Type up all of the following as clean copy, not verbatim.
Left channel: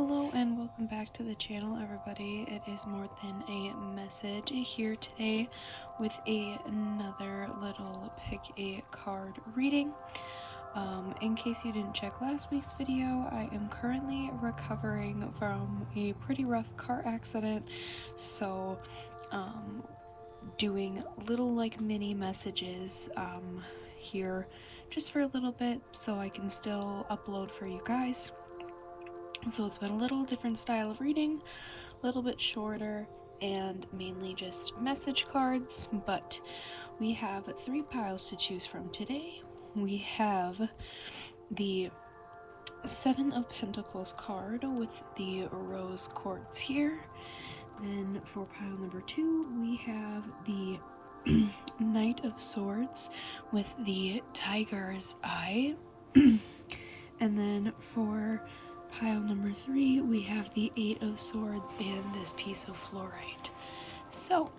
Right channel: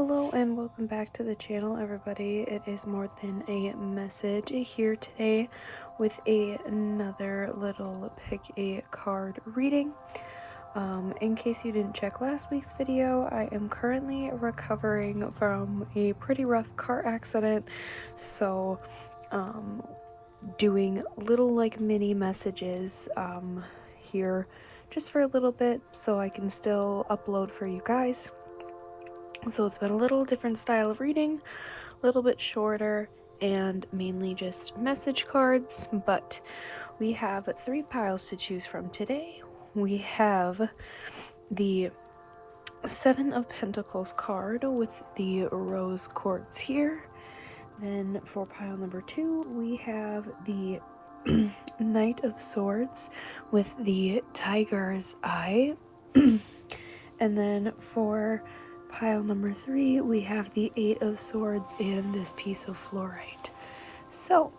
Hello and welcome back to the channel, everybody. It is More Than a Message here today with another little pick a card reading. In case you didn't check last week's video, I am currently recovering from a pretty rough car accident, so doing little like mini messages here just for a little bit so I can still upload for you guys. So it's been a little different style of reading, a little bit shorter, and mainly just message cards, but we have 3 piles to choose from today. We have the 7 of Pentacles card with the rose quartz here. Then for pile number 2, we have the Knight of Swords with the tiger's eye. And then for pile number 3, we have the 8 of Swords in this piece of fluorite. So,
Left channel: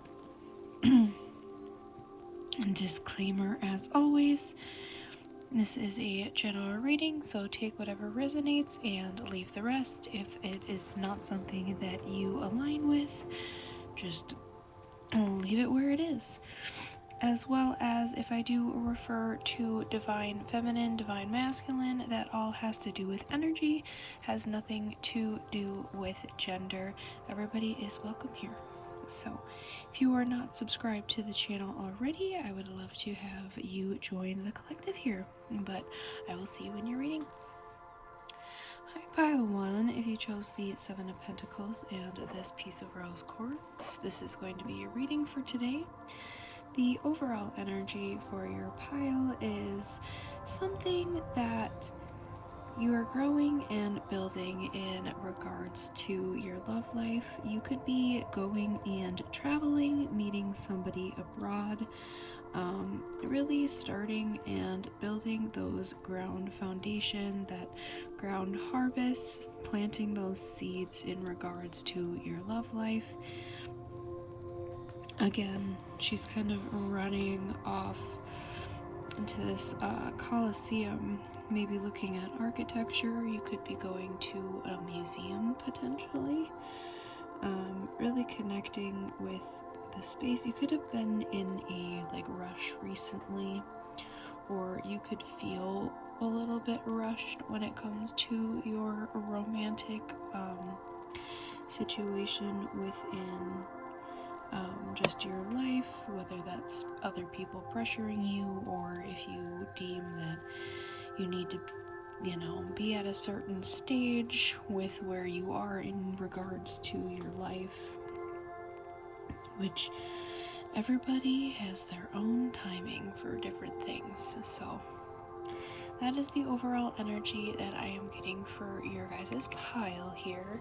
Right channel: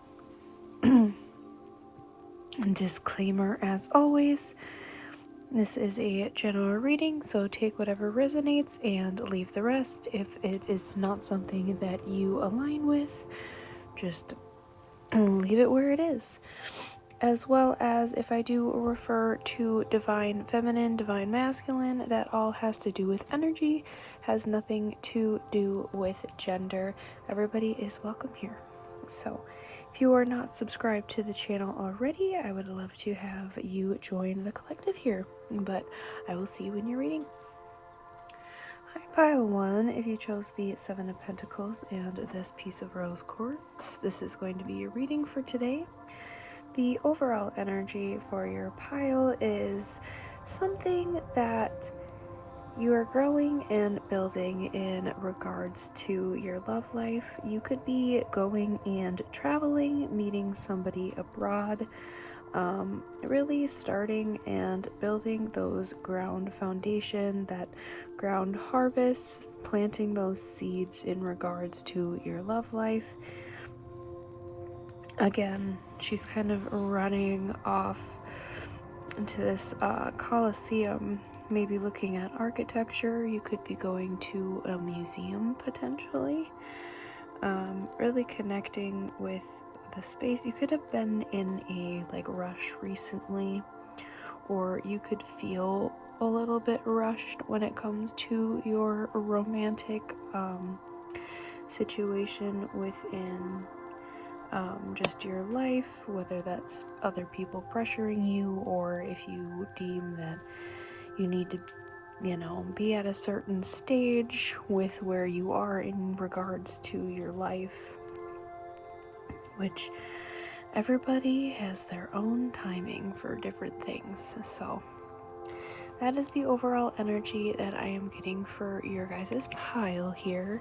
disclaimer as always, this is a general reading, so take whatever resonates and leave the rest. If it is not something that you align with, just leave it where it is. As well as if I do refer to divine feminine, divine masculine, that all has to do with energy, has nothing to do with gender. Everybody is welcome here. So if you are not subscribed to the channel already, I would love to have you join the collective here, but I will see you when you're reading. Hi, pile 1, if you chose the 7 of Pentacles and this piece of rose quartz, this is going to be your reading for today. The overall energy for your pile is something that you are growing and building in regards to your love life. You could be going and traveling, meeting somebody abroad, really starting and building those ground foundation, that ground harvest, planting those seeds in regards to your love life. Again, she's kind of running off into this Colosseum, maybe looking at architecture. You could be going to a museum potentially, really connecting with the space. You could have been in a like rush recently, or you could feel a little bit rushed when it comes to your romantic situation within just your life, whether that's other people pressuring you, or if you deem that you need to, be at a certain stage with where you are in regards to your life, which everybody has their own timing for different things. So that is the overall energy that I am getting for your guys' pile here.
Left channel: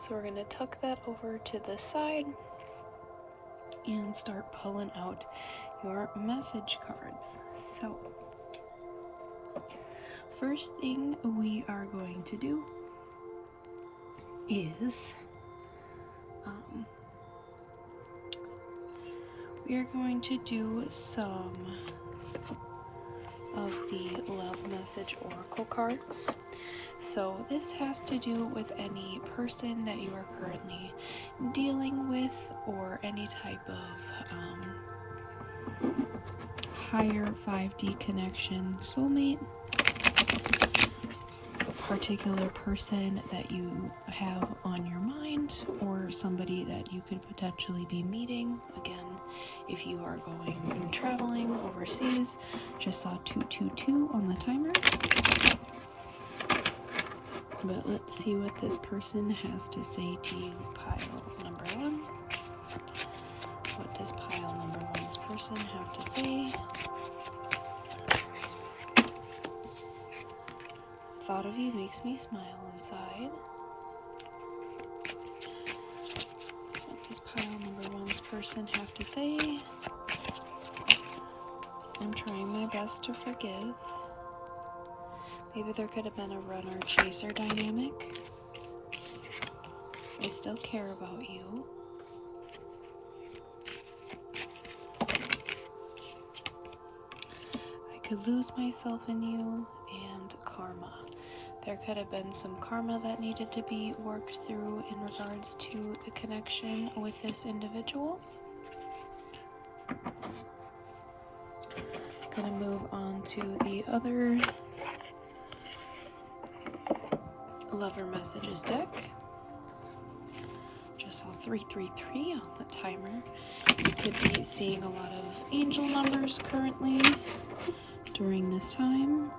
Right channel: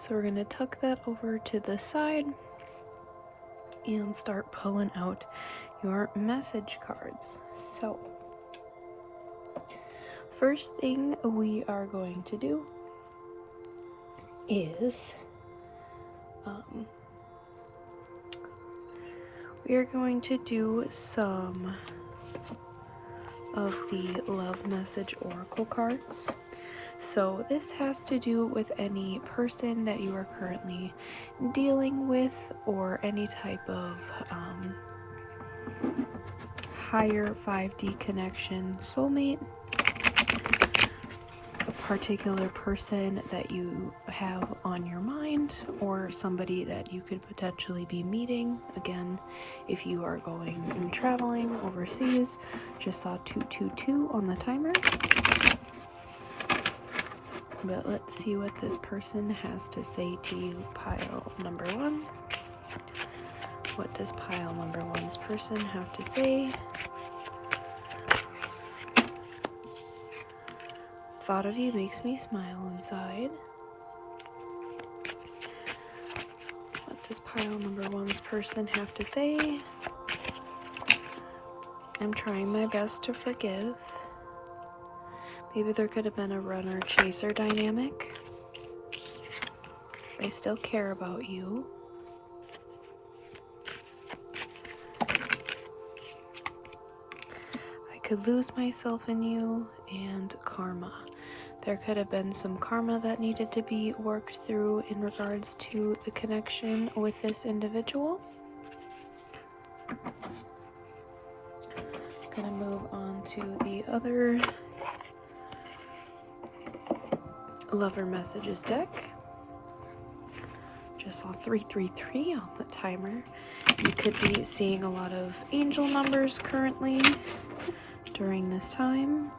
So we're going to tuck that over to the side and start pulling out your message cards. So first thing we are going to do is we are going to do some of the love message oracle cards. So this has to do with any person that you are currently dealing with, or any type of higher 5D connection, soulmate, a particular person that you have on your mind, or somebody that you could potentially be meeting. Again, if you are going and traveling overseas, just saw 222 on the timer. But let's see what this person has to say to you, pile number 1. What does pile number 1's person have to say? Thought of you makes me smile inside. What does pile number 1's person have to say? I'm trying my best to forgive. Maybe there could have been a runner-chaser dynamic. I still care about you. I could lose myself in you, and karma. There could have been some karma that needed to be worked through in regards to the connection with this individual. Gonna move on to the other lover messages deck. Just saw 333 on the timer. You could be seeing a lot of angel numbers currently during this time.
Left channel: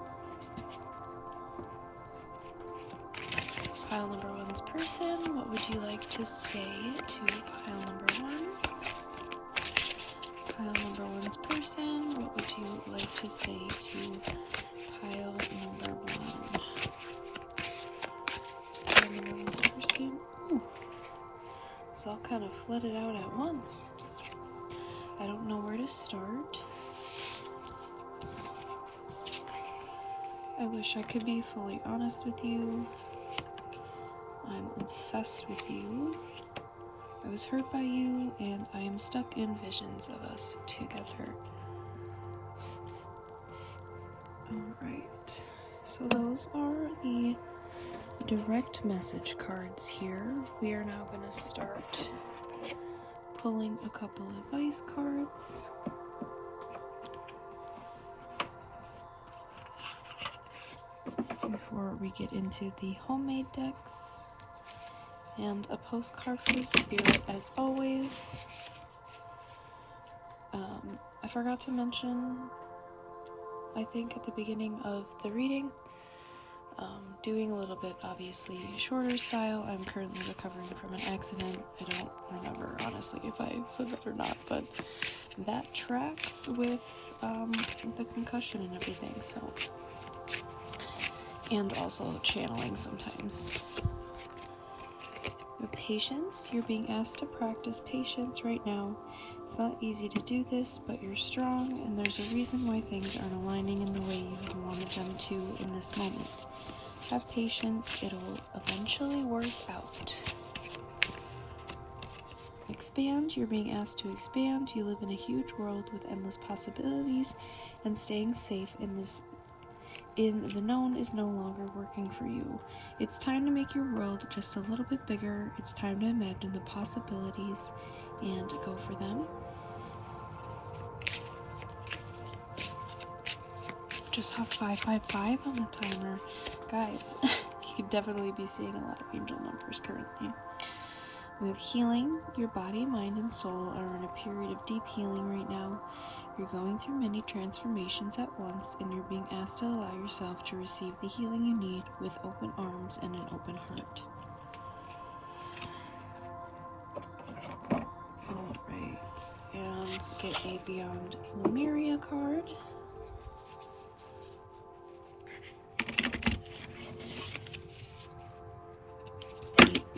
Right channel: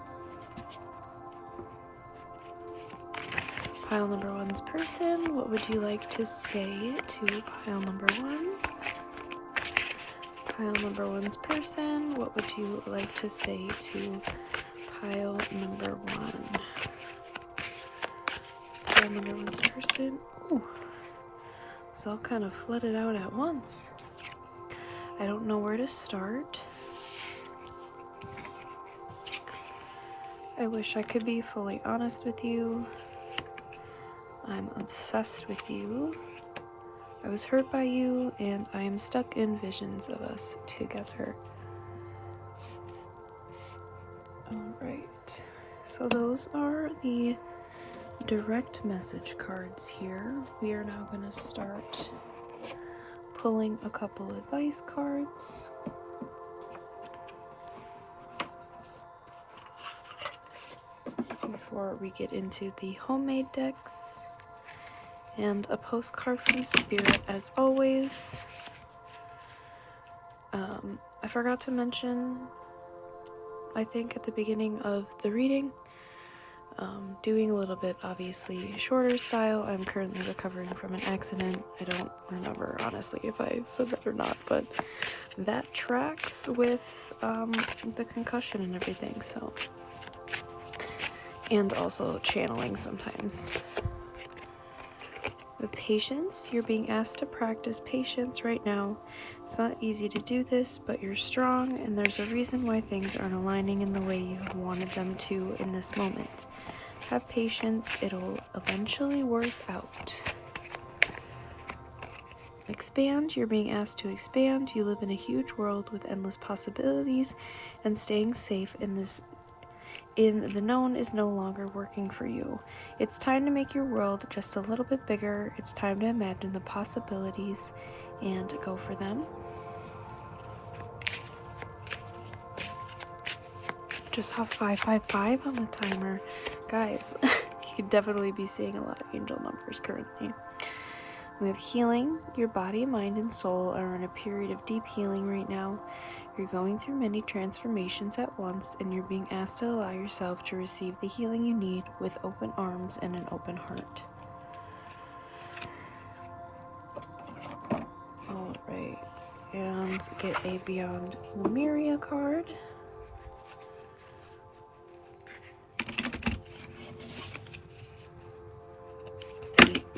Pile number one's person, what would you like to say to pile number one? Pile number one's person, what would you like to say to pile number one? Pile number one's person. Ooh, it's all kind of flooded out at once. I don't know where to start. I wish I could be fully honest with you. I'm obsessed with you. I was hurt by you, and I am stuck in visions of us together. Alright, so those are the direct message cards here. We are now going to start pulling a couple advice cards. Before we get into the homemade decks. And a postcard from Spirit as always. I forgot to mention, I think at the beginning of the reading, doing a little bit obviously shorter style. I'm currently recovering from an accident. I don't remember honestly if I said that or not, but that tracks with the concussion and everything, so. And also channeling sometimes. With patience, you're being asked to practice patience right now. It's not easy to do this, but you're strong, and there's a reason why things aren't aligning in the way you wanted them to in this moment. Have patience, it'll eventually work out. Expand, you're being asked to expand. You live in a huge world with endless possibilities, and staying safe in the known is no longer working for you. It's time to make your world just a little bit bigger. It's time to imagine the possibilities and go for them. Just saw 555 on the timer. Guys, you could definitely be seeing a lot of angel numbers currently. We have healing. Your body, mind, and soul are in a period of deep healing right now. You're going through many transformations at once, and you're being asked to allow yourself to receive the healing you need with open arms and an open heart. Alright, and get a Beyond Lemuria card.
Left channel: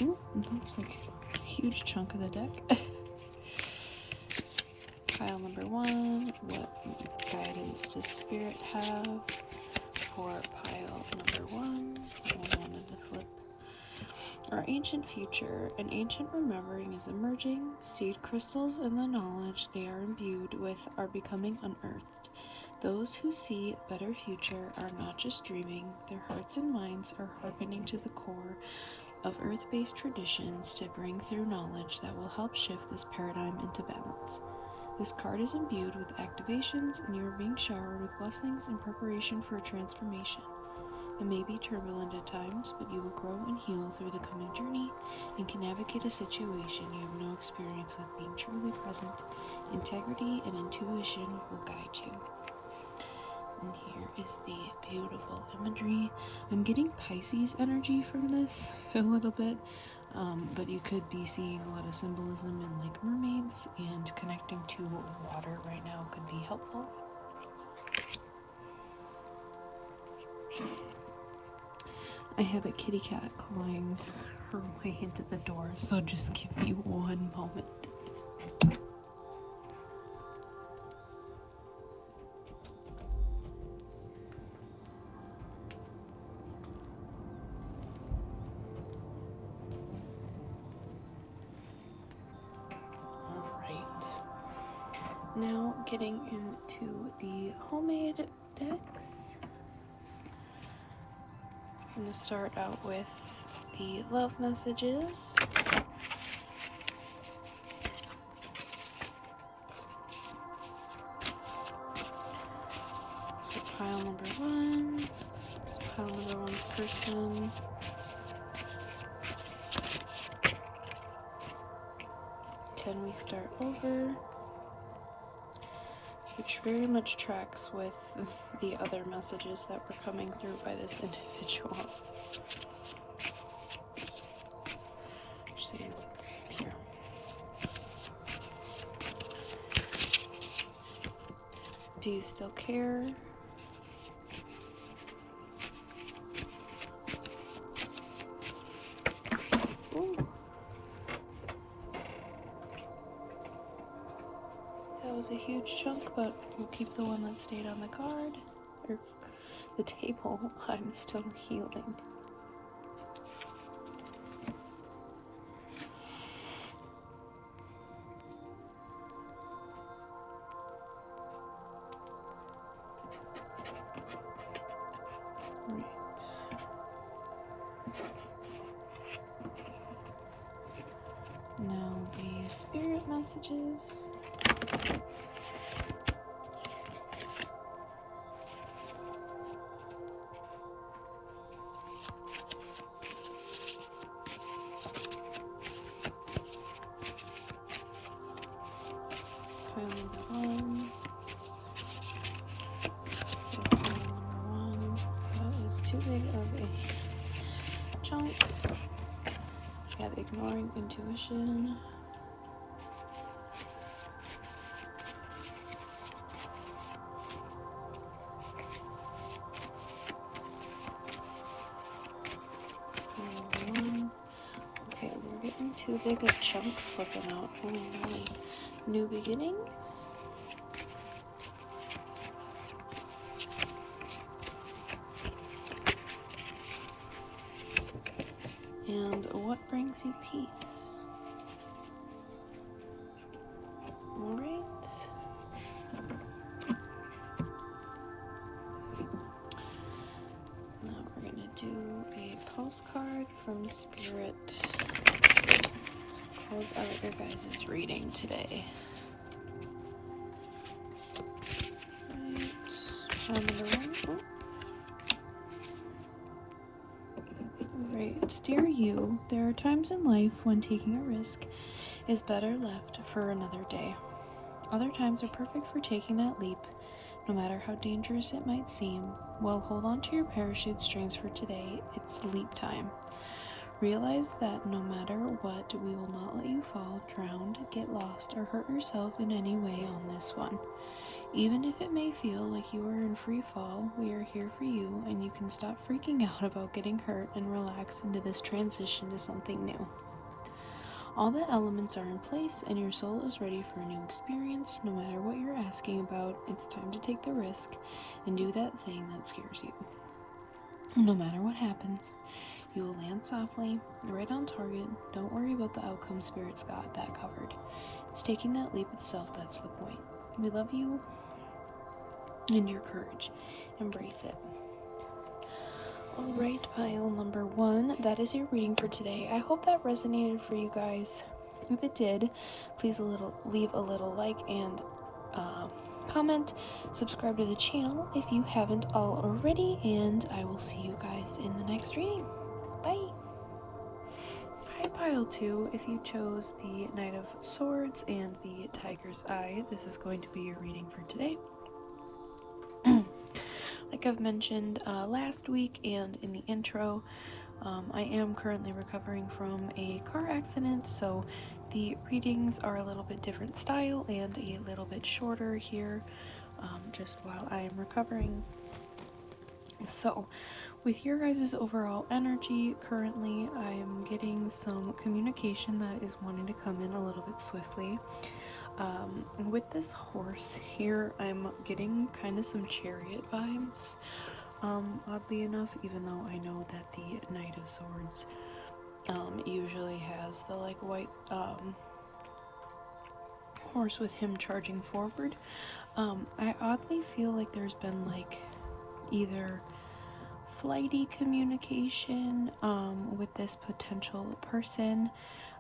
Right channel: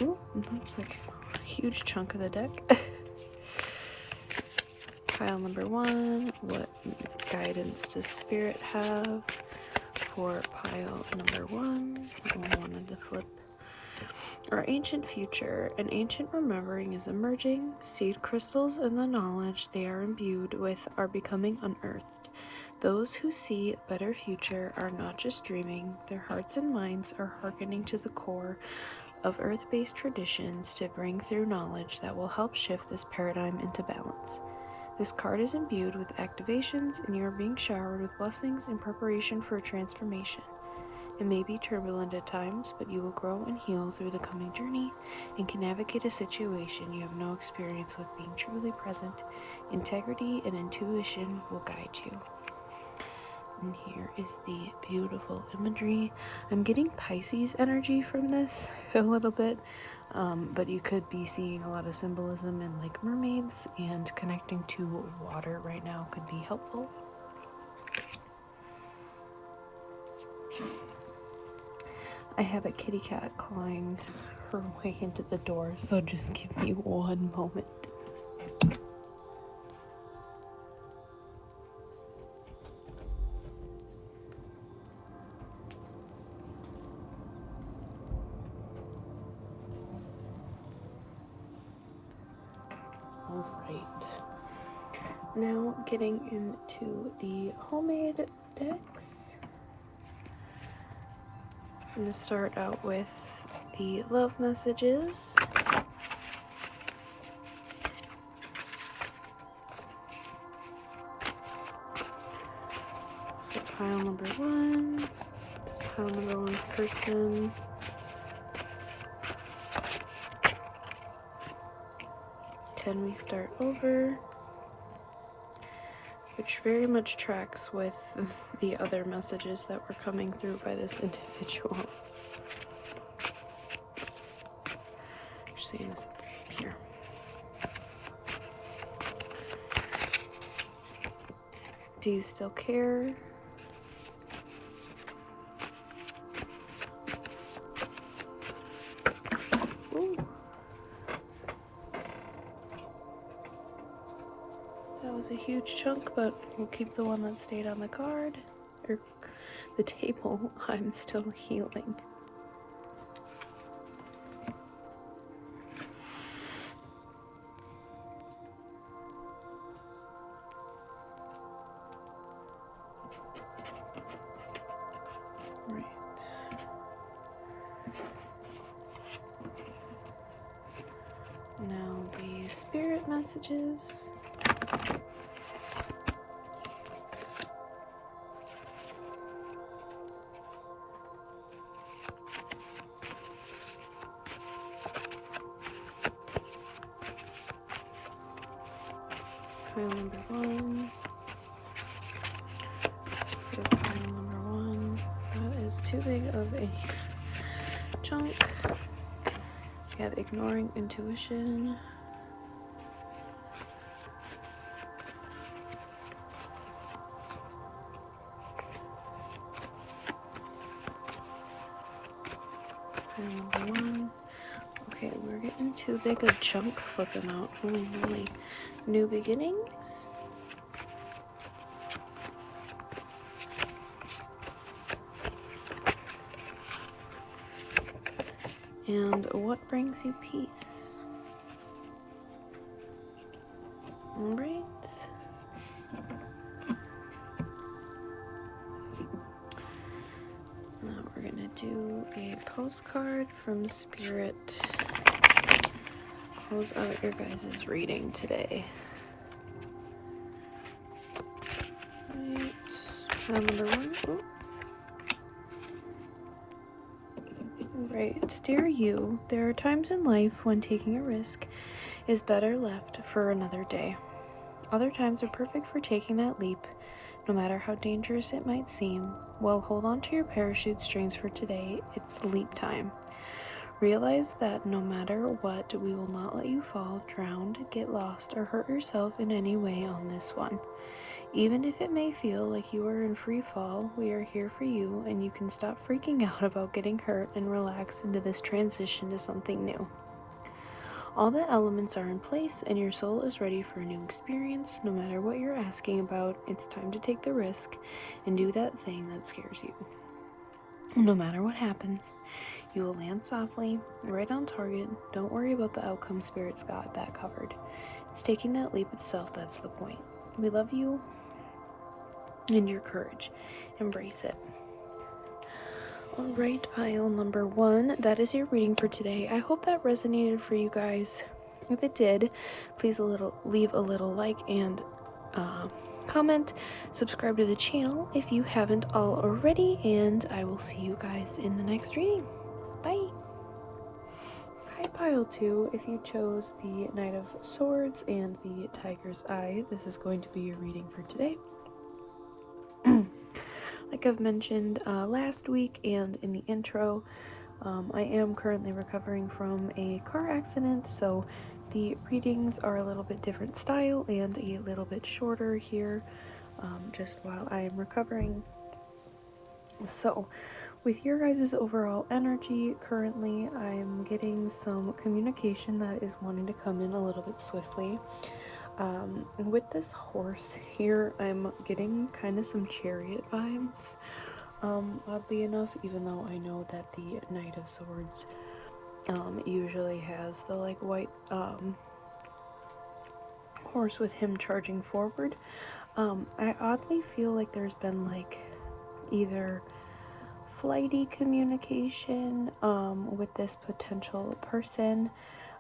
Ooh, that's like a huge chunk of the deck. Pile number one, what guidance does Spirit have for pile number one? I wanted to flip. Our ancient future, an ancient remembering is emerging. Seed crystals and the knowledge they are imbued with are becoming unearthed. Those who see a better future are not just dreaming, their hearts and minds are hearkening to the core of earth-based traditions to bring through knowledge that will help shift this paradigm into balance. This card is imbued with activations, and you are being showered with blessings in preparation for a transformation. It may be turbulent at times, but you will grow and heal through the coming journey and can navigate a situation you have no experience with being truly present. Integrity and intuition will guide you. And here is the beautiful imagery. I'm getting Pisces energy from this a little bit. But you could be seeing a lot of symbolism in like mermaids, and connecting to water right now could be helpful. I have a kitty cat clawing her way into the door, so just give me one moment. Now getting into the homemade decks. I'm going to start out with the love messages. So pile number one. This is pile number one's person. Can we start over? Which very much tracks with the other messages that were coming through by this individual. Here. Do you still care? Ooh. That was a huge chunk, but we'll keep the one that stayed on the card, or the table. I'm still healing. Right. Now the spirit messages. Pile number one. Pile number one. That is too big of a chunk. We have ignoring intuition. Pile number one. Okay, we're getting too big of chunks flipping out. Ooh, really. New beginnings. And what brings you peace? Embrace. Now we're gonna do a postcard from Spirit. How's your guys' reading today? Right, dear you, there are times in life when taking a risk is better left for another day. Other times are perfect for taking that leap, no matter how dangerous it might seem. Well, hold on to your parachute strings for today. It's leap time. Realize that no matter what, we will not let you fall, drown, get lost, or hurt yourself in any way on this one. Even if it may feel like you are in free fall, we are here for you, and you can stop freaking out about getting hurt and relax into this transition to something new. All the elements are in place, and your soul is ready for a new experience. No matter what you're asking about, it's time to take the risk and do that thing that scares you. No matter what happens, you will land softly, right on target. Don't worry about the outcome, Spirit's got that covered. It's taking that leap itself that's the point. We love you and your courage. Embrace it. Alright, pile number one. That is your reading for today. I hope that resonated for you guys. If it did, please leave a little like and comment. Subscribe to the channel if you haven't already, and I will see you guys in the next reading. Bye. Pile 2, if you chose the Knight of Swords and the Tiger's Eye, this is going to be your reading for today. Like I've mentioned last week and in the intro, I am currently recovering from a car accident, so the readings are a little bit different style and a little bit shorter here, just while I am recovering. So, with your guys' overall energy, currently I'm getting some communication that is wanting to come in a little bit swiftly. And with this horse here, I'm getting kind of some chariot vibes, oddly enough, even though I know that the Knight of Swords usually has the like white horse with him charging forward. I oddly feel like there's been like either flighty communication with this potential person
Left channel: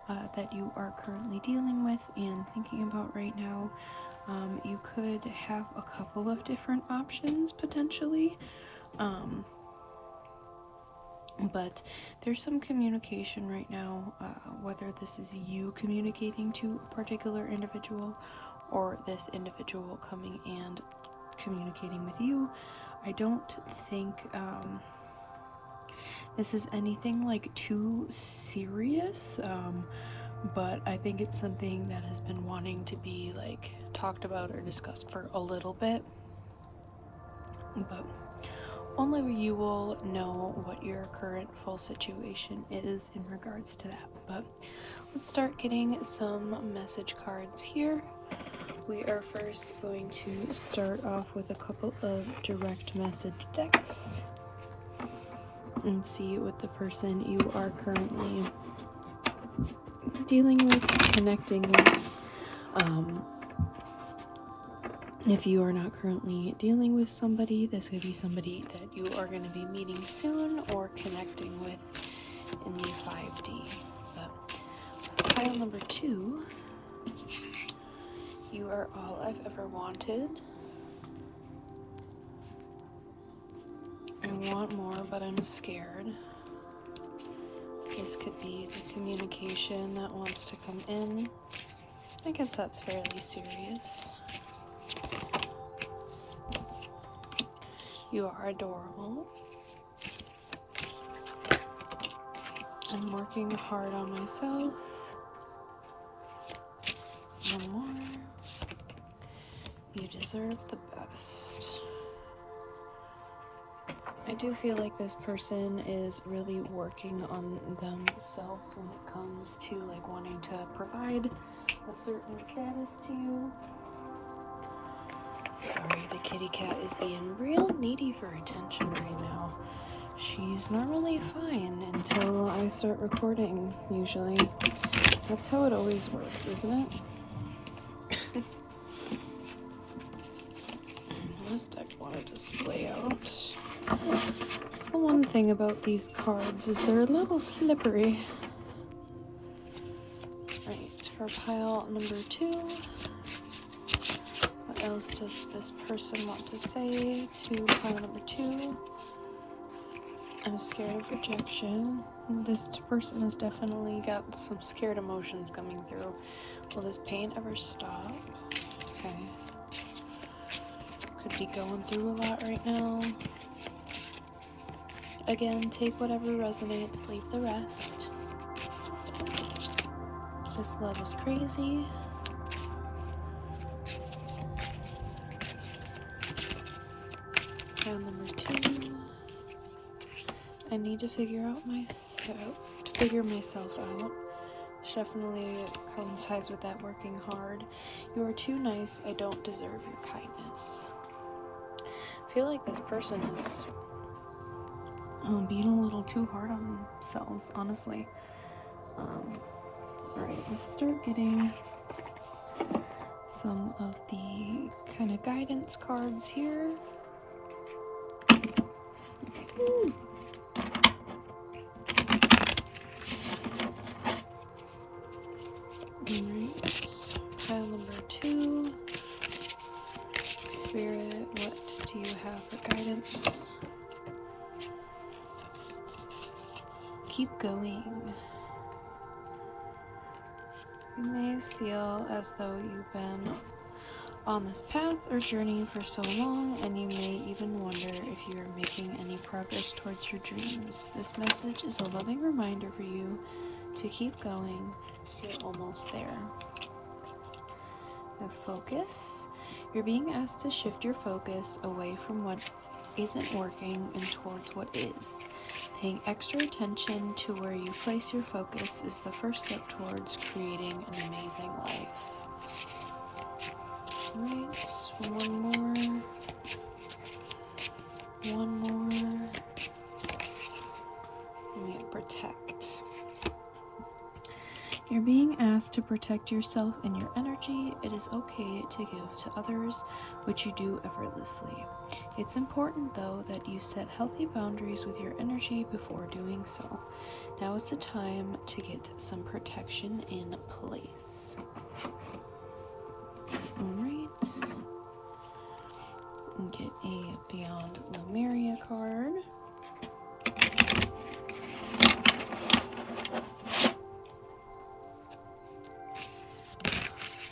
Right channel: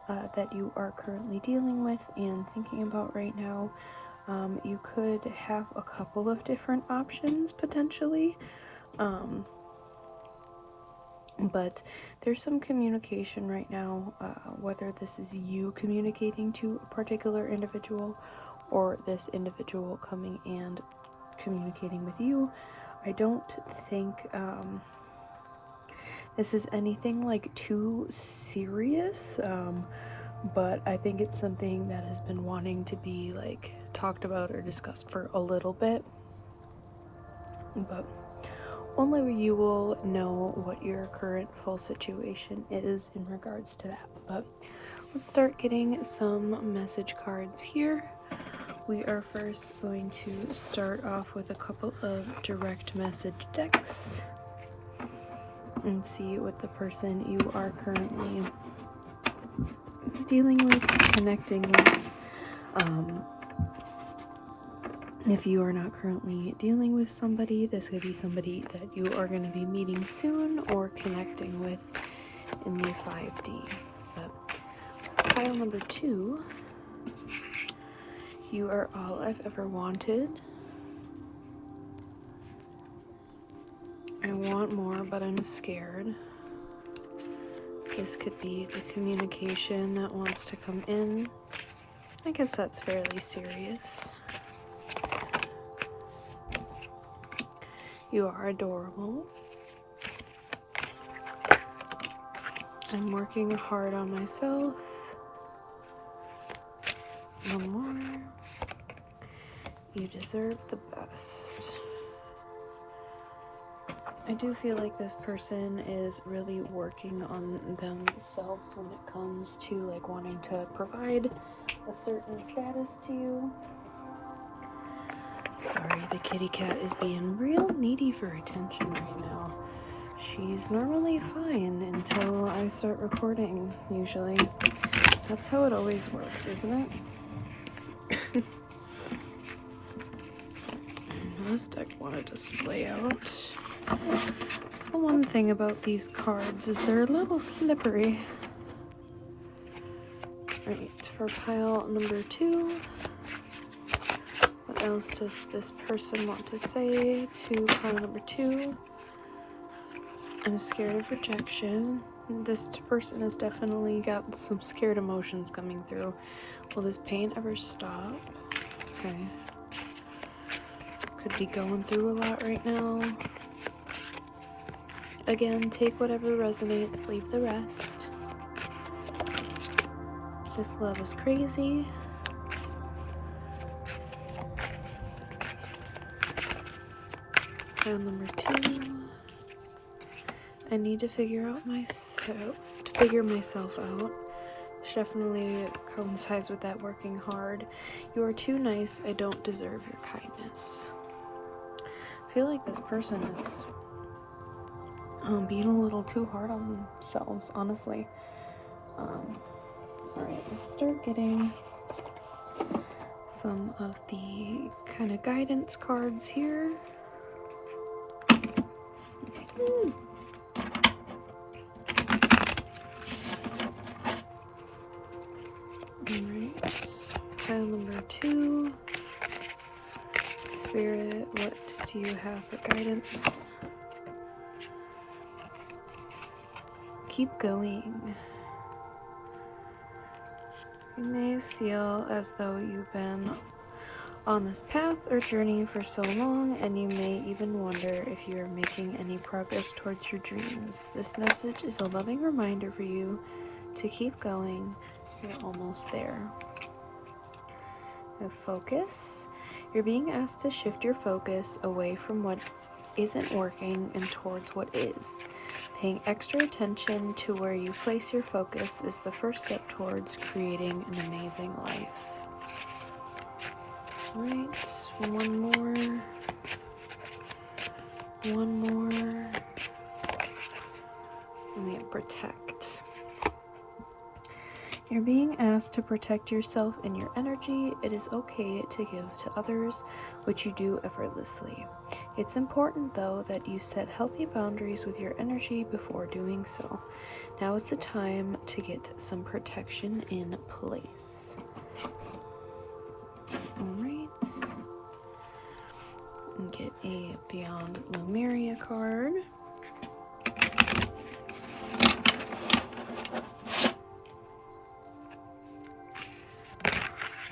that you are currently dealing with and thinking about right now. You could have a couple of different options potentially, but there's some communication right now, whether this is you communicating to a particular individual or this individual coming and communicating with you. I don't think this is anything like too serious, but I think it's something that has been wanting to be like talked about or discussed for a little bit, but only you will know what your current full situation is in regards to that. But let's start getting some message cards here. We are first going to start off with a couple of direct message decks and see what the person you are currently dealing with, connecting with. If you are not currently dealing with somebody, this could be somebody that you are going to be meeting soon or connecting with in your 5D. But pile number 2, you are all I've ever wanted. I want more, but I'm scared. This could be the communication that wants to come in. I guess that's fairly serious. You are adorable. I'm working hard on myself. One more. You deserve the best. I do feel like this person is really working on themselves when it comes to like wanting to provide a certain status to you. Sorry, the kitty cat is being real needy for attention right now. She's normally fine until I start recording, usually. That's how it always works, isn't it? This deck wanted to splay out. That's the one thing about these cards, is they're a little slippery. Right, for pile number 2. What else does this person want to say to pile number 2? I'm scared of rejection. This person has definitely got some scared emotions coming through. Will this pain ever stop? Okay. Could be going through a lot right now. Again, take whatever resonates, leave the rest. This love is crazy. Round number 2. I need to figure myself out. Which definitely coincides with that working hard. You are too nice. I don't deserve your kindness. I feel like this person is being a little too hard on themselves, honestly. Alright, let's start getting some of the kind of guidance cards here. Ooh. Alright, pile number 2. Spirit, what do you have for guidance? Keep going. You may feel as though you've been on this path or journey for so long, and you may even wonder if you are making any progress towards your dreams. This message is a loving reminder for you to keep going. You're almost there. Now focus. You're being asked to shift your focus away from what isn't working and towards what is. Paying extra attention to where you place your focus is the first step towards creating an amazing life. Alright, one more. And we protect. You're being to protect yourself and your energy, it is okay to give to others, which you do effortlessly. It's important, though, that you set healthy boundaries with your energy before doing so. Now is the time to get some protection in place. Alright. Get a Beyond Lemuria card.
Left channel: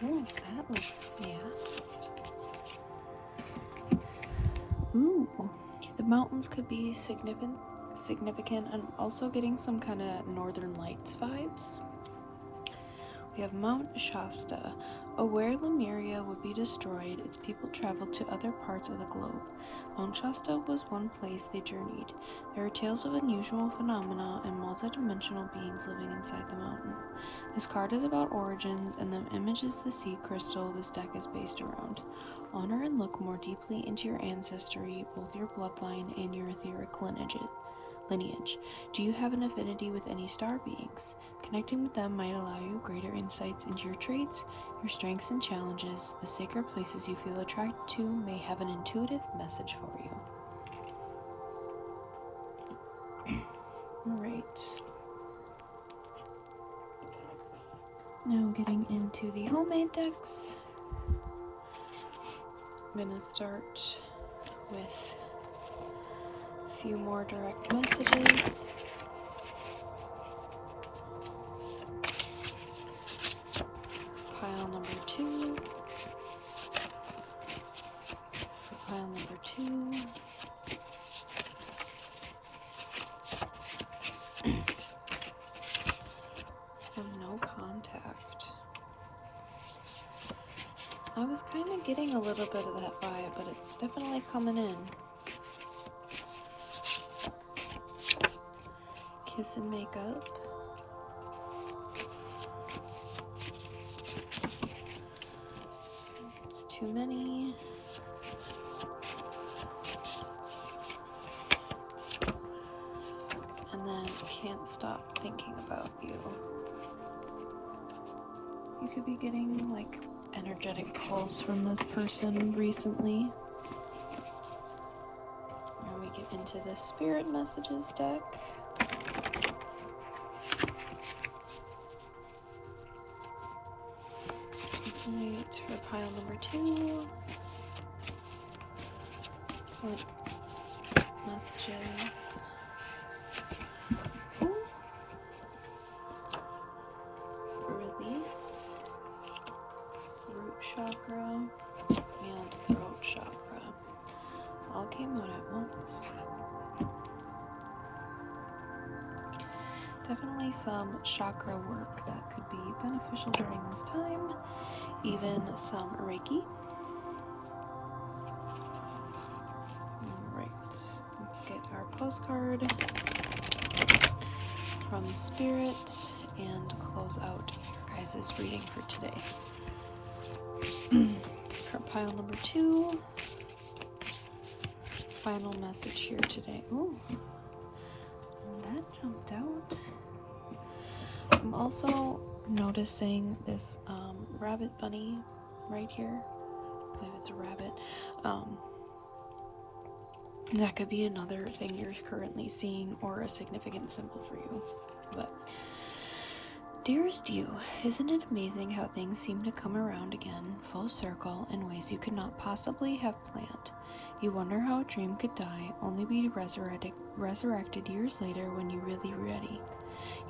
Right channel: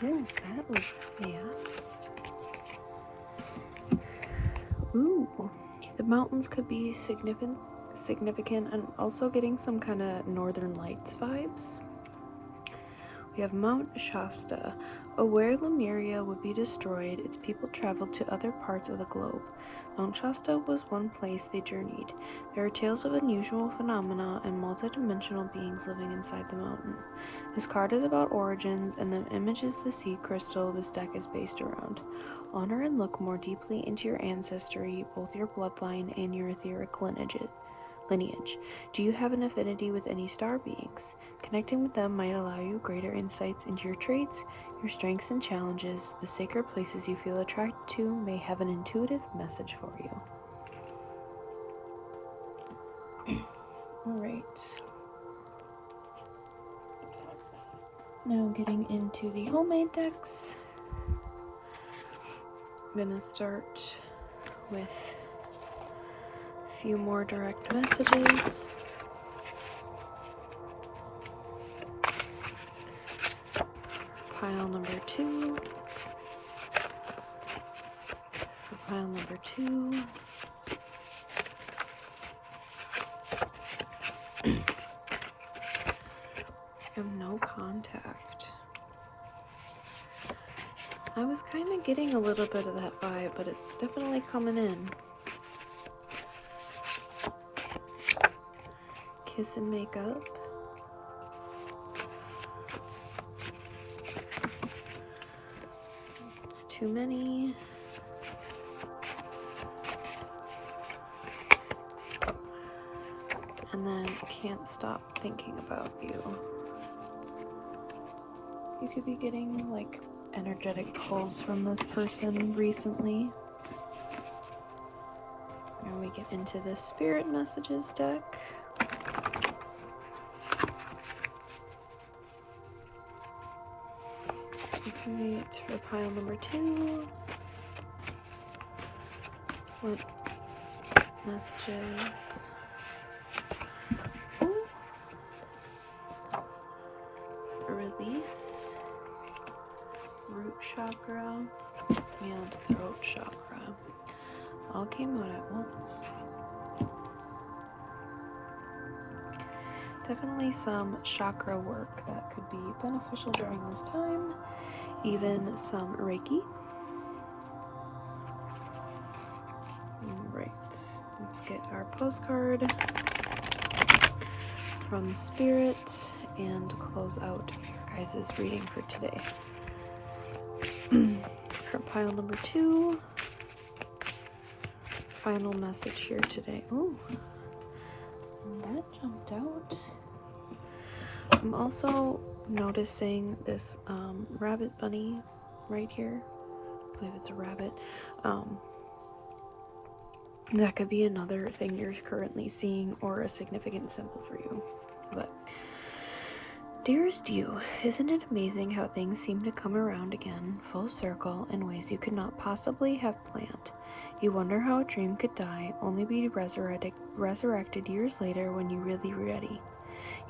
Ooh, that was fast. Ooh, the mountains could be significant and also getting some kind of Northern Lights vibes. We have Mount Shasta. Where Lemuria would be destroyed, its people traveled to other parts of the globe. Mount Shasta was one place they journeyed. There are tales of unusual phenomena and multidimensional beings living inside the mountain. This card is about origins, and the image is the sea crystal this deck is based around. Honor and look more deeply into your ancestry, both your bloodline and your etheric lineage. Do you have an affinity with any star beings? Connecting with them might allow you greater insights into your traits, your strengths and challenges. The sacred places you feel attracted to may have an intuitive message for you. Alright. Now getting into the homemade decks. I'm going to start with a few more direct messages. Pile number 2. Pile number 2. And no contact. I was kind of getting a little bit of that vibe, but it's definitely coming in. Kiss and make up. It's too many. And then can't stop thinking about you. You could be getting like energetic pulls from this person recently. Now we get into the spirit messages deck. Alright, for pile number 2. What messages? Release, root chakra, and throat chakra. All came out at once. Definitely some chakra work that could be beneficial during this time. Even some Reiki. Alright, let's get our postcard from Spirit and close out your guys' reading for today. For pile number 2, this final message here today. Ooh, that jumped out. I'm also noticing this rabbit bunny right here. I believe it's a rabbit. That could be another thing you're currently seeing or a significant symbol for you. But dearest you, isn't it amazing how things seem to come around again, full circle, in ways you could not possibly have planned? You wonder how a dream could die, only be resurrected years later when you're really ready.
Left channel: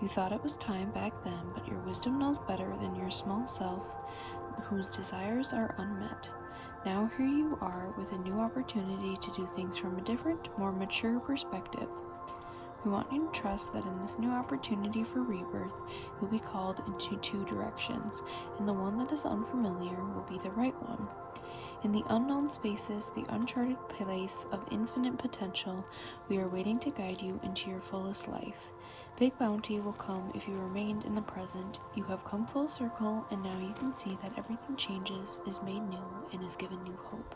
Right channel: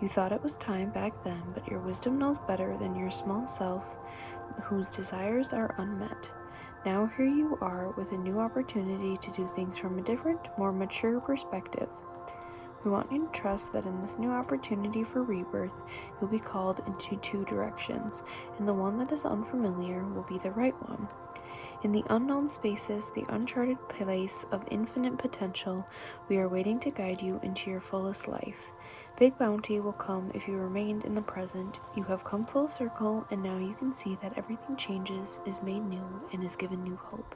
You thought it was time back then, but your wisdom knows better than your small self, whose desires are unmet. Now here you are with a new opportunity to do things from a different, more mature perspective. We want you to trust that in this new opportunity for rebirth, you'll be called into 2 directions, and the one that is unfamiliar will be the right one. In the unknown spaces, the uncharted place of infinite potential, we are waiting to guide you into your fullest life. Big bounty will come if you remained in the present. You have come full circle, and now you can see that everything changes, is made new, and is given new hope.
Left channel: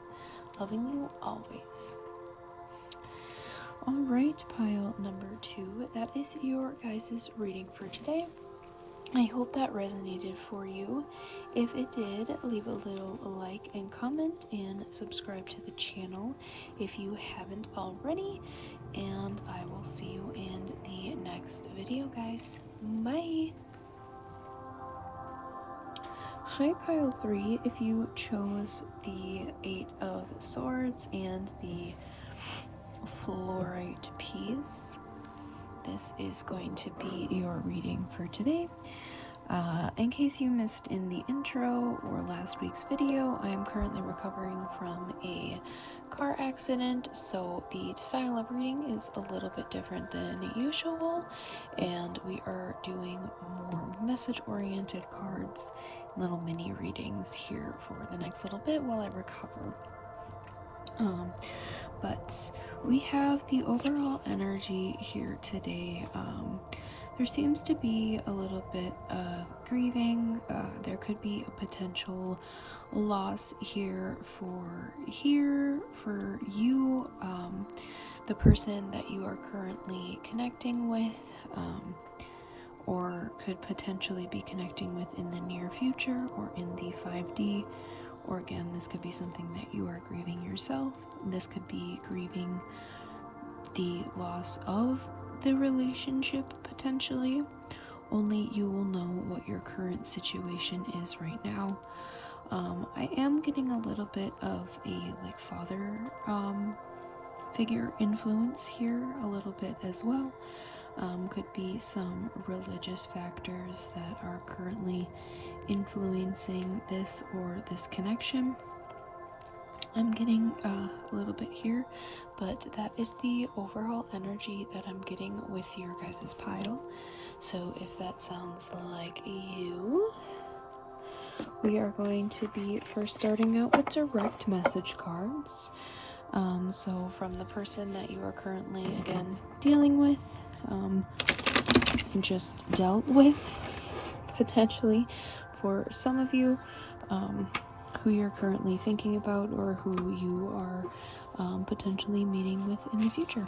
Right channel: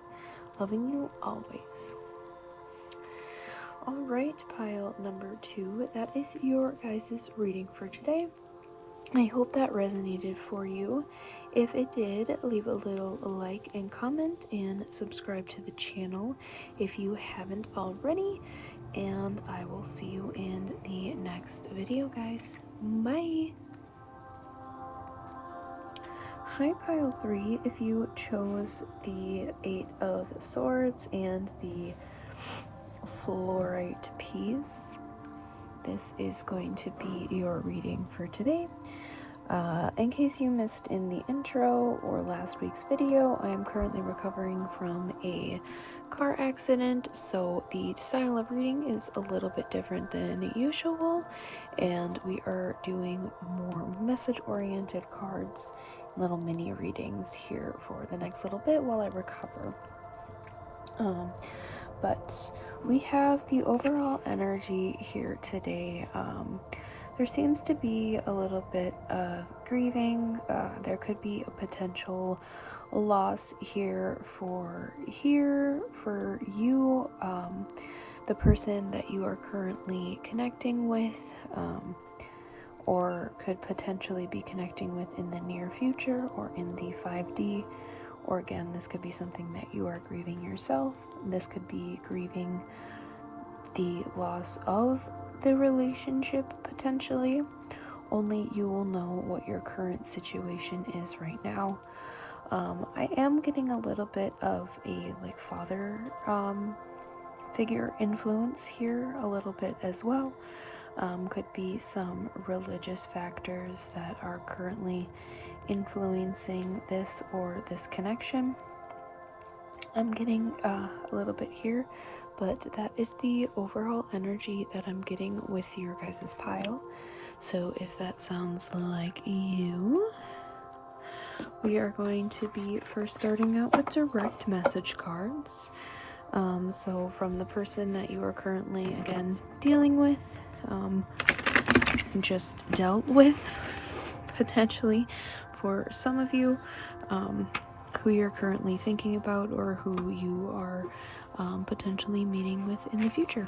Loving you always. Alright, pile number 2. That is your guys' reading for today. I hope that resonated for you. If it did, leave a little like and comment and subscribe to the channel if you haven't already. And I will see you in the next video, guys. Bye! Hi, pile 3. If you chose the 8 of Swords and the Fluorite piece, this is going to be your reading for today. In case you missed in the intro or last week's video, I am currently recovering from a car accident, so the style of reading is a little bit different than usual, and we are doing more message-oriented cards, little mini readings here for the next little bit while I recover. But we have the overall energy here today. There seems to be a little bit of grieving. There could be a potential loss here for you, the person that you are currently connecting with, or could potentially be connecting with in the near future or in the 5D. Or again, this could be something that you are grieving yourself. This could be grieving the loss of the relationship potentially. Only you will know what your current situation is right now. I am getting a little bit of a father figure influence here a little bit as well. Could be some religious factors that are currently influencing this or this connection. I'm getting a little bit here, but that is the overall energy that I'm getting with your guys' pile. So if that sounds like you, we are going to be first starting out with direct message cards. So from the person that you are currently, again, dealing with, just dealt with, potentially, for some of you, who you're currently thinking about or who you are potentially meeting with in the future.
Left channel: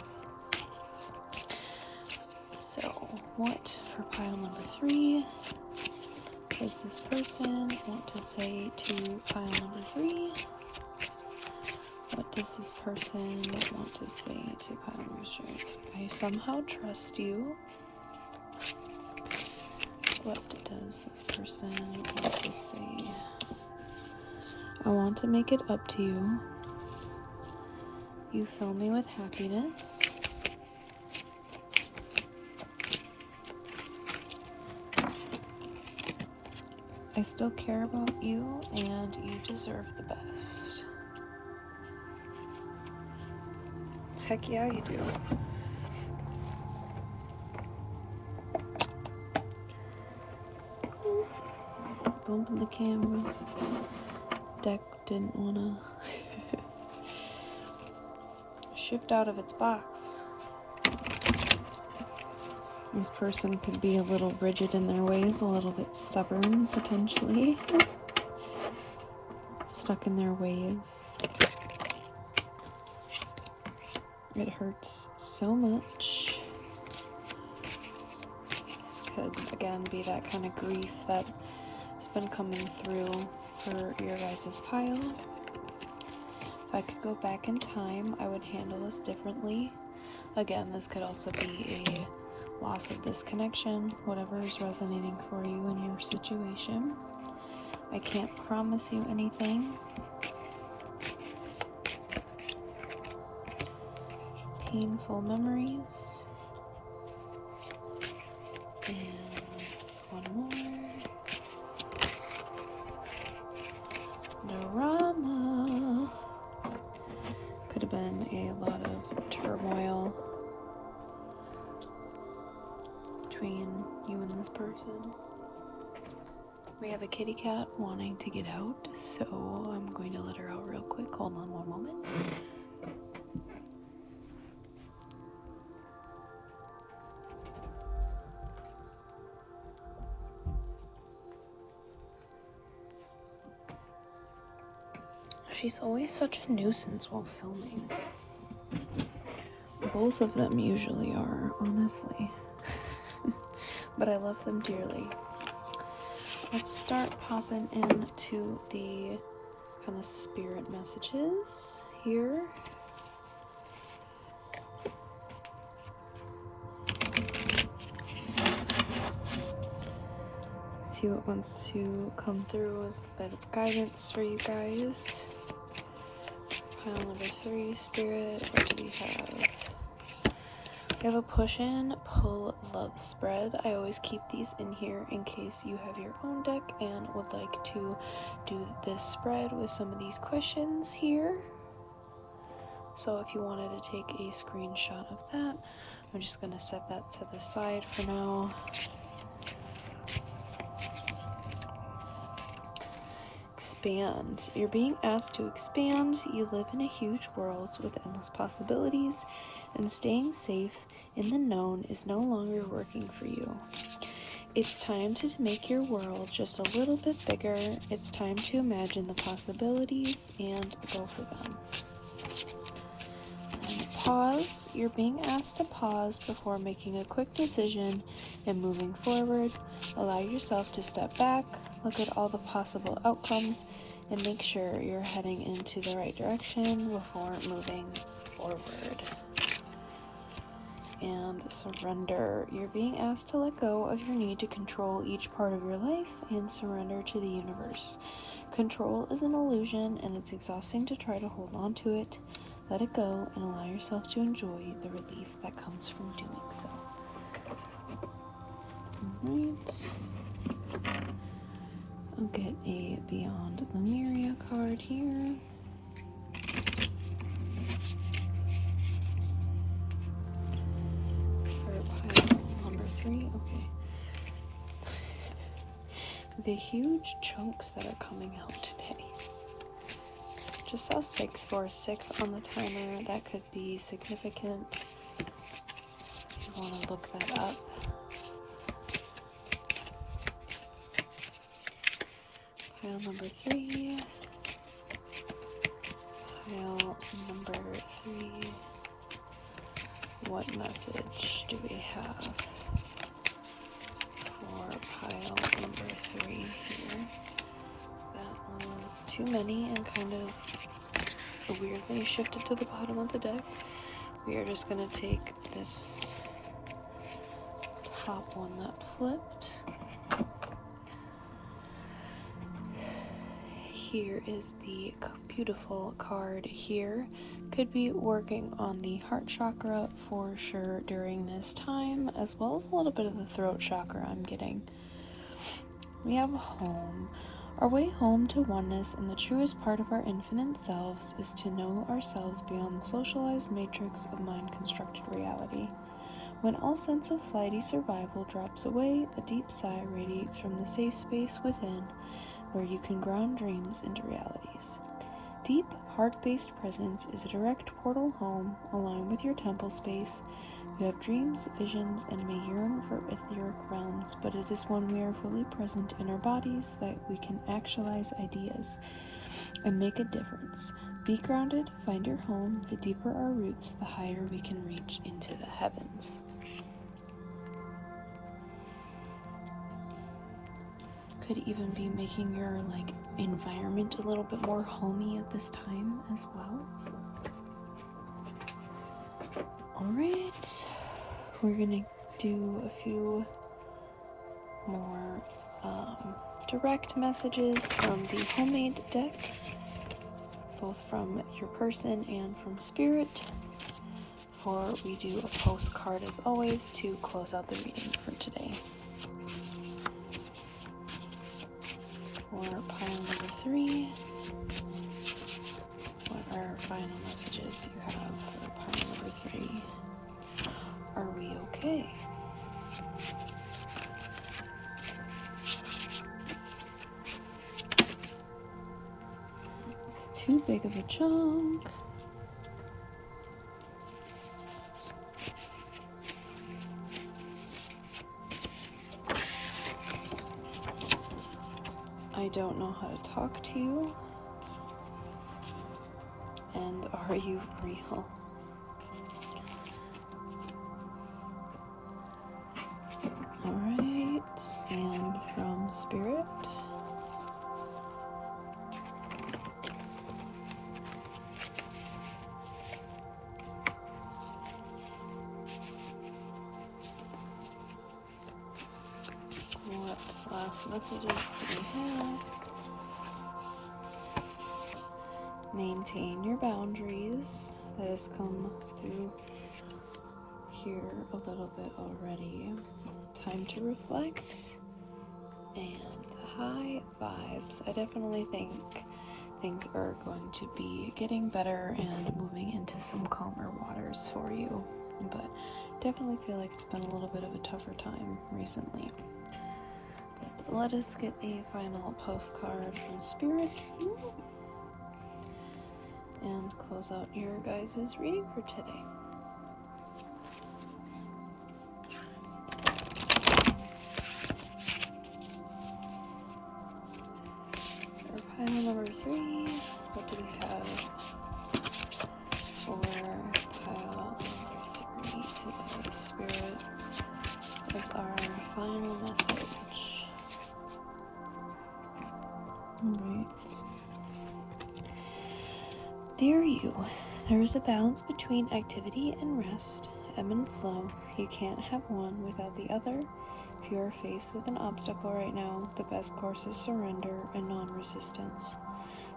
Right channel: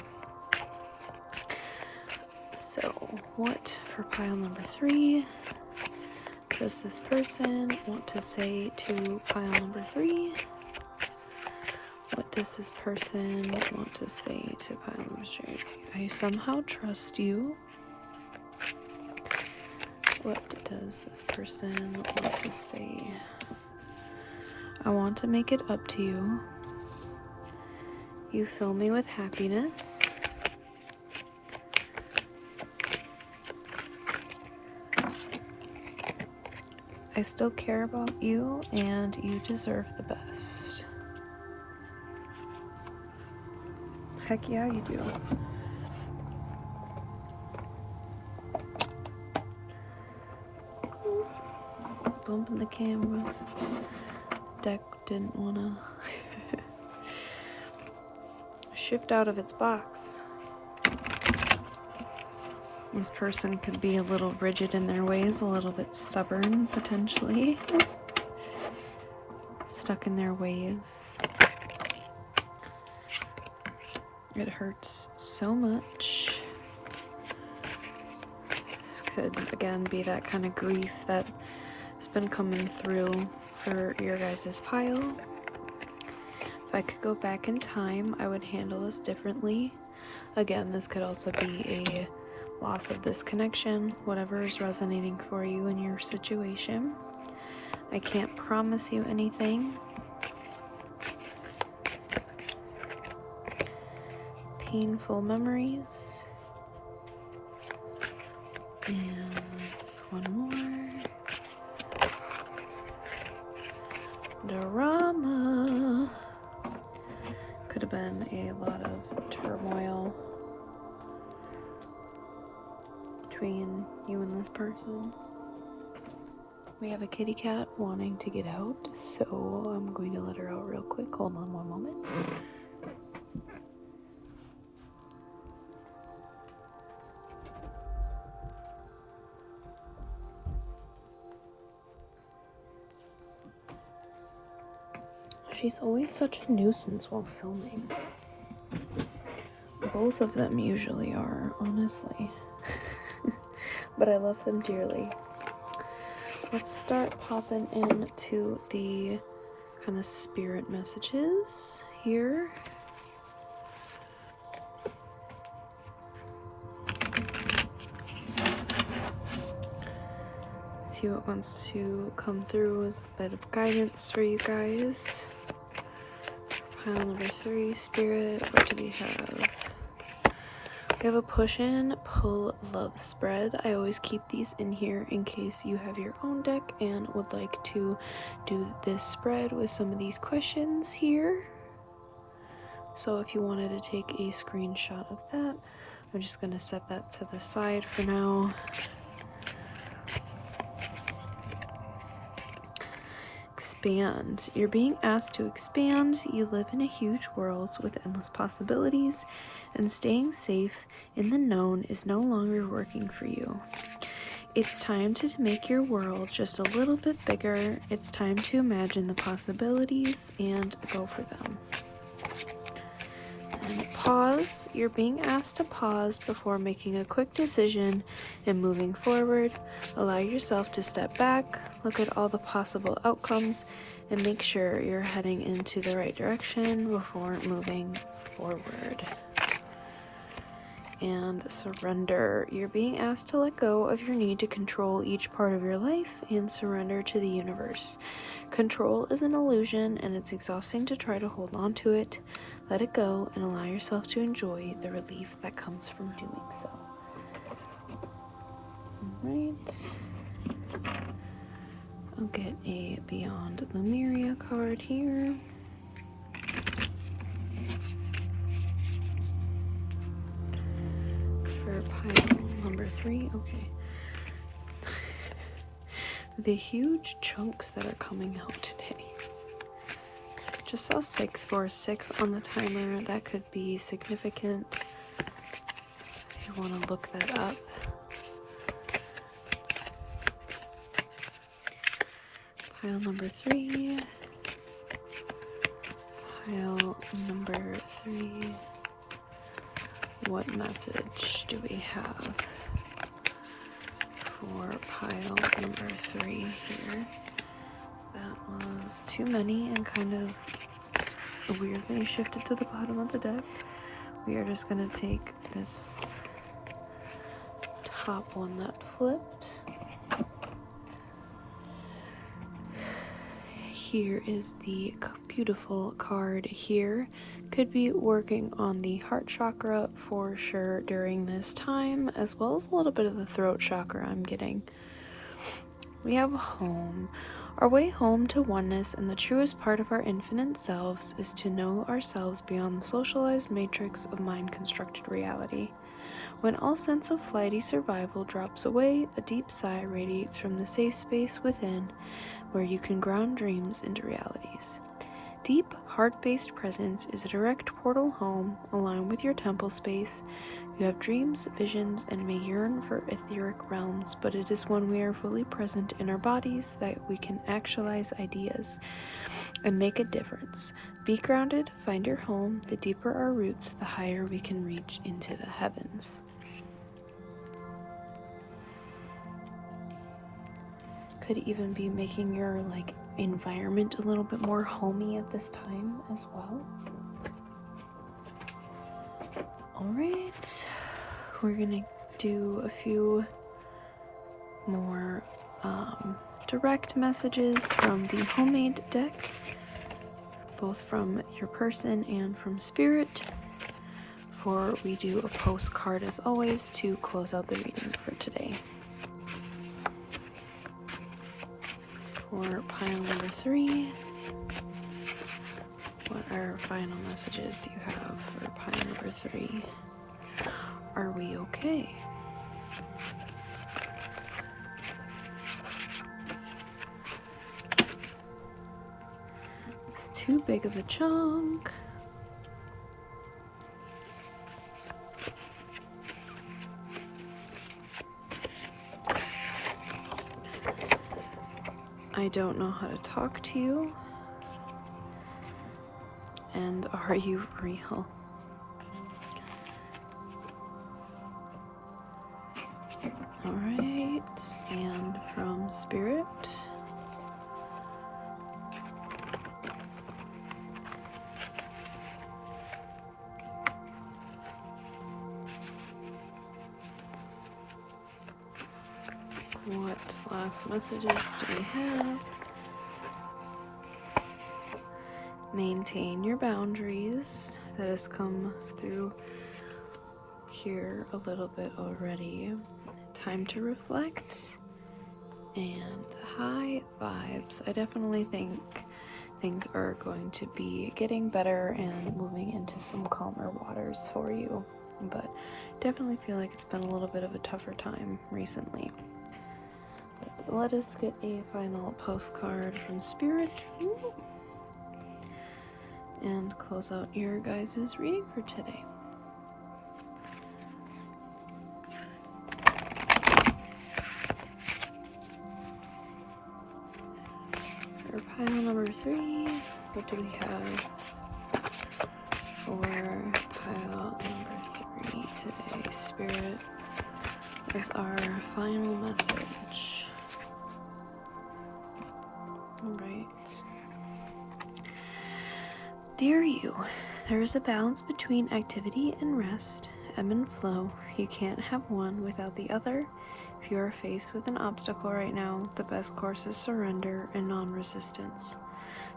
So, what for pile number 3 does this person want to say to pile number 3? What does this person want to say to pile number 3? I somehow trust you. What does this person want to say? I want to make it up to you. You fill me with happiness. I still care about you, and you deserve the best. Heck yeah, you do. Bumping the camera. Deck didn't wanna shift out of its box. This person could be a little rigid in their ways, a little bit stubborn, potentially. Stuck in their ways. It hurts so much. This could, again, be that kind of grief that has been coming through for your guys' pile. If I could go back in time, I would handle this differently. Again, this could also be a loss of this connection, whatever is resonating for you in your situation. I can't promise you anything. Painful memories. And one more. Drama. Could have been a lot of turmoil between you and this person. We have a kitty cat wanting to get out, so I'm going to let her out real quick. Hold on one moment. She's always such a nuisance while filming. Both of them usually are, honestly. But I love them dearly. let's start popping into the kind of spirit messages here. See what wants to come through as a bit of guidance for you guys. Pile number 3, spirit. What do we have? We have a push in, pull, love spread. I always keep these in here in case you have your own deck and would like to do this spread with some of these questions here. So if you wanted to take a screenshot of that, I'm just going to set that to the side for now. Expand. You're being asked to expand. You live in a huge world with endless possibilities, and staying safe in the known is no longer working for you. It's time to make your world just a little bit bigger. It's time to imagine the possibilities and go for them. And pause. You're being asked to pause before making a quick decision and moving forward. Allow yourself to step back, look at all the possible outcomes, and make sure you're heading into the right direction before moving forward. And surrender. You're being asked to let go of your need to control each part of your life and surrender to the universe. Control is an illusion, and it's exhausting to try to hold on to it. Let it go and allow yourself to enjoy the relief that comes from doing so. Alright. I'll get a Beyond Lemuria card here. For pile number 3, okay. The huge chunks that are coming out today. Just saw 6 for 6 on the timer. That could be significant. I want to look that up. Pile number 3. Pile number 3. What message do we have for pile number 3 here? That was too many and kind of weirdly shifted to the bottom of the deck. We are just going to take this top one that flipped. Here is the beautiful card here. Could be working on the heart chakra for sure during this time, as well as a little bit of the throat chakra I'm getting. We have home. Our way home to oneness and the truest part of our infinite selves is to know ourselves beyond the socialized matrix of mind-constructed reality. When all sense of flighty survival drops away, a deep sigh radiates from the safe space within, where you can ground dreams into realities. Deep, heart-based presence is a direct portal home, aligned with your temple space. You have dreams, visions, and may yearn for etheric realms, but it is when we are fully present in our bodies that we can actualize ideas and make a difference. Be grounded, find your home. The deeper our roots, the higher we can reach into the heavens. Could even be making your environment a little bit more homey at this time as well. Alright, we're gonna do a few more direct messages from the homemade deck, both from your person and from spirit, before we do a postcard as always to close out the reading for today. For pile number 3, what are final messages you have for pile number 3? Are we okay? It's too big of a chunk. I don't know how to talk to you. And are you real? Alright, and from spirit. messages do we have? Maintain your boundaries. That has come through here a little bit already. Time to reflect. And high vibes. I definitely think things are going to be getting better and moving into some calmer waters for you. But definitely feel like it's been a little bit of a tougher time recently. But let us get a final postcard from Spirit and close out your guys' reading for today. For pile number 3, what do we have for pile number 3 today? Spirit is our final message. Alright. Dear you, there is a balance between activity and rest, ebb and flow. You can't have one without the other. If you are faced with an obstacle right now, the best course is surrender and non-resistance.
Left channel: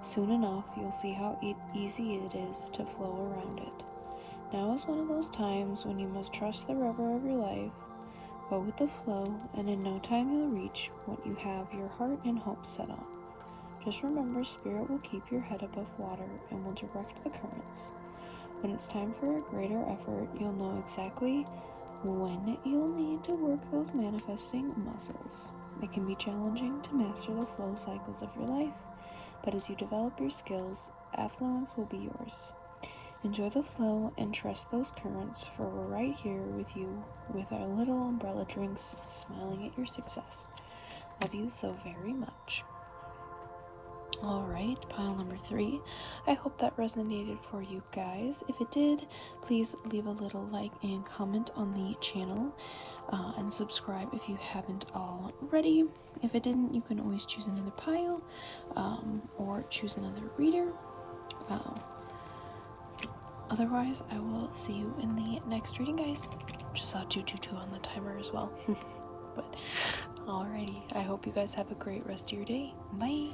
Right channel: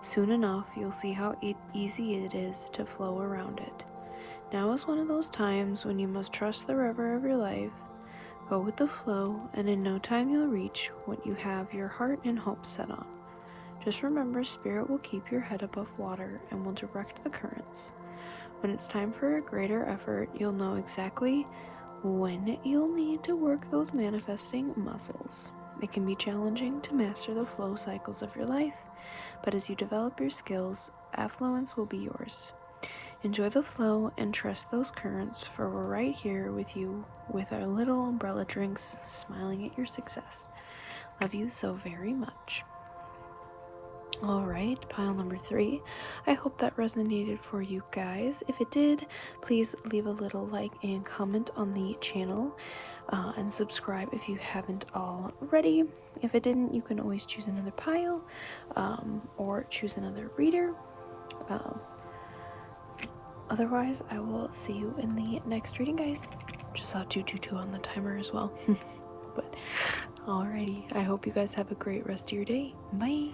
Soon enough, you'll see how easy it is to flow around it. Now is one of those times when you must trust the river of your life. Go with the flow, and in no time you'll reach what you have your heart and hope set on. Just remember, Spirit will keep your head above water and will direct the currents. When it's time for a greater effort, you'll know exactly when you'll need to work those manifesting muscles. It can be challenging to master the flow cycles of your life, but as you develop your skills, affluence will be yours. Enjoy the flow and trust those currents, for we're right here with you with our little umbrella drinks, smiling at your success. Love you so very much. Alright, pile number 3. I hope that resonated for you guys. If it did, please leave a little like and comment on the channel, and subscribe if you haven't already. If it didn't, you can always choose another pile, or choose another reader. Otherwise, I will see you in the next reading, guys. Just saw 222 on the timer as well. But alrighty, I hope you guys have a great rest of your day. Bye!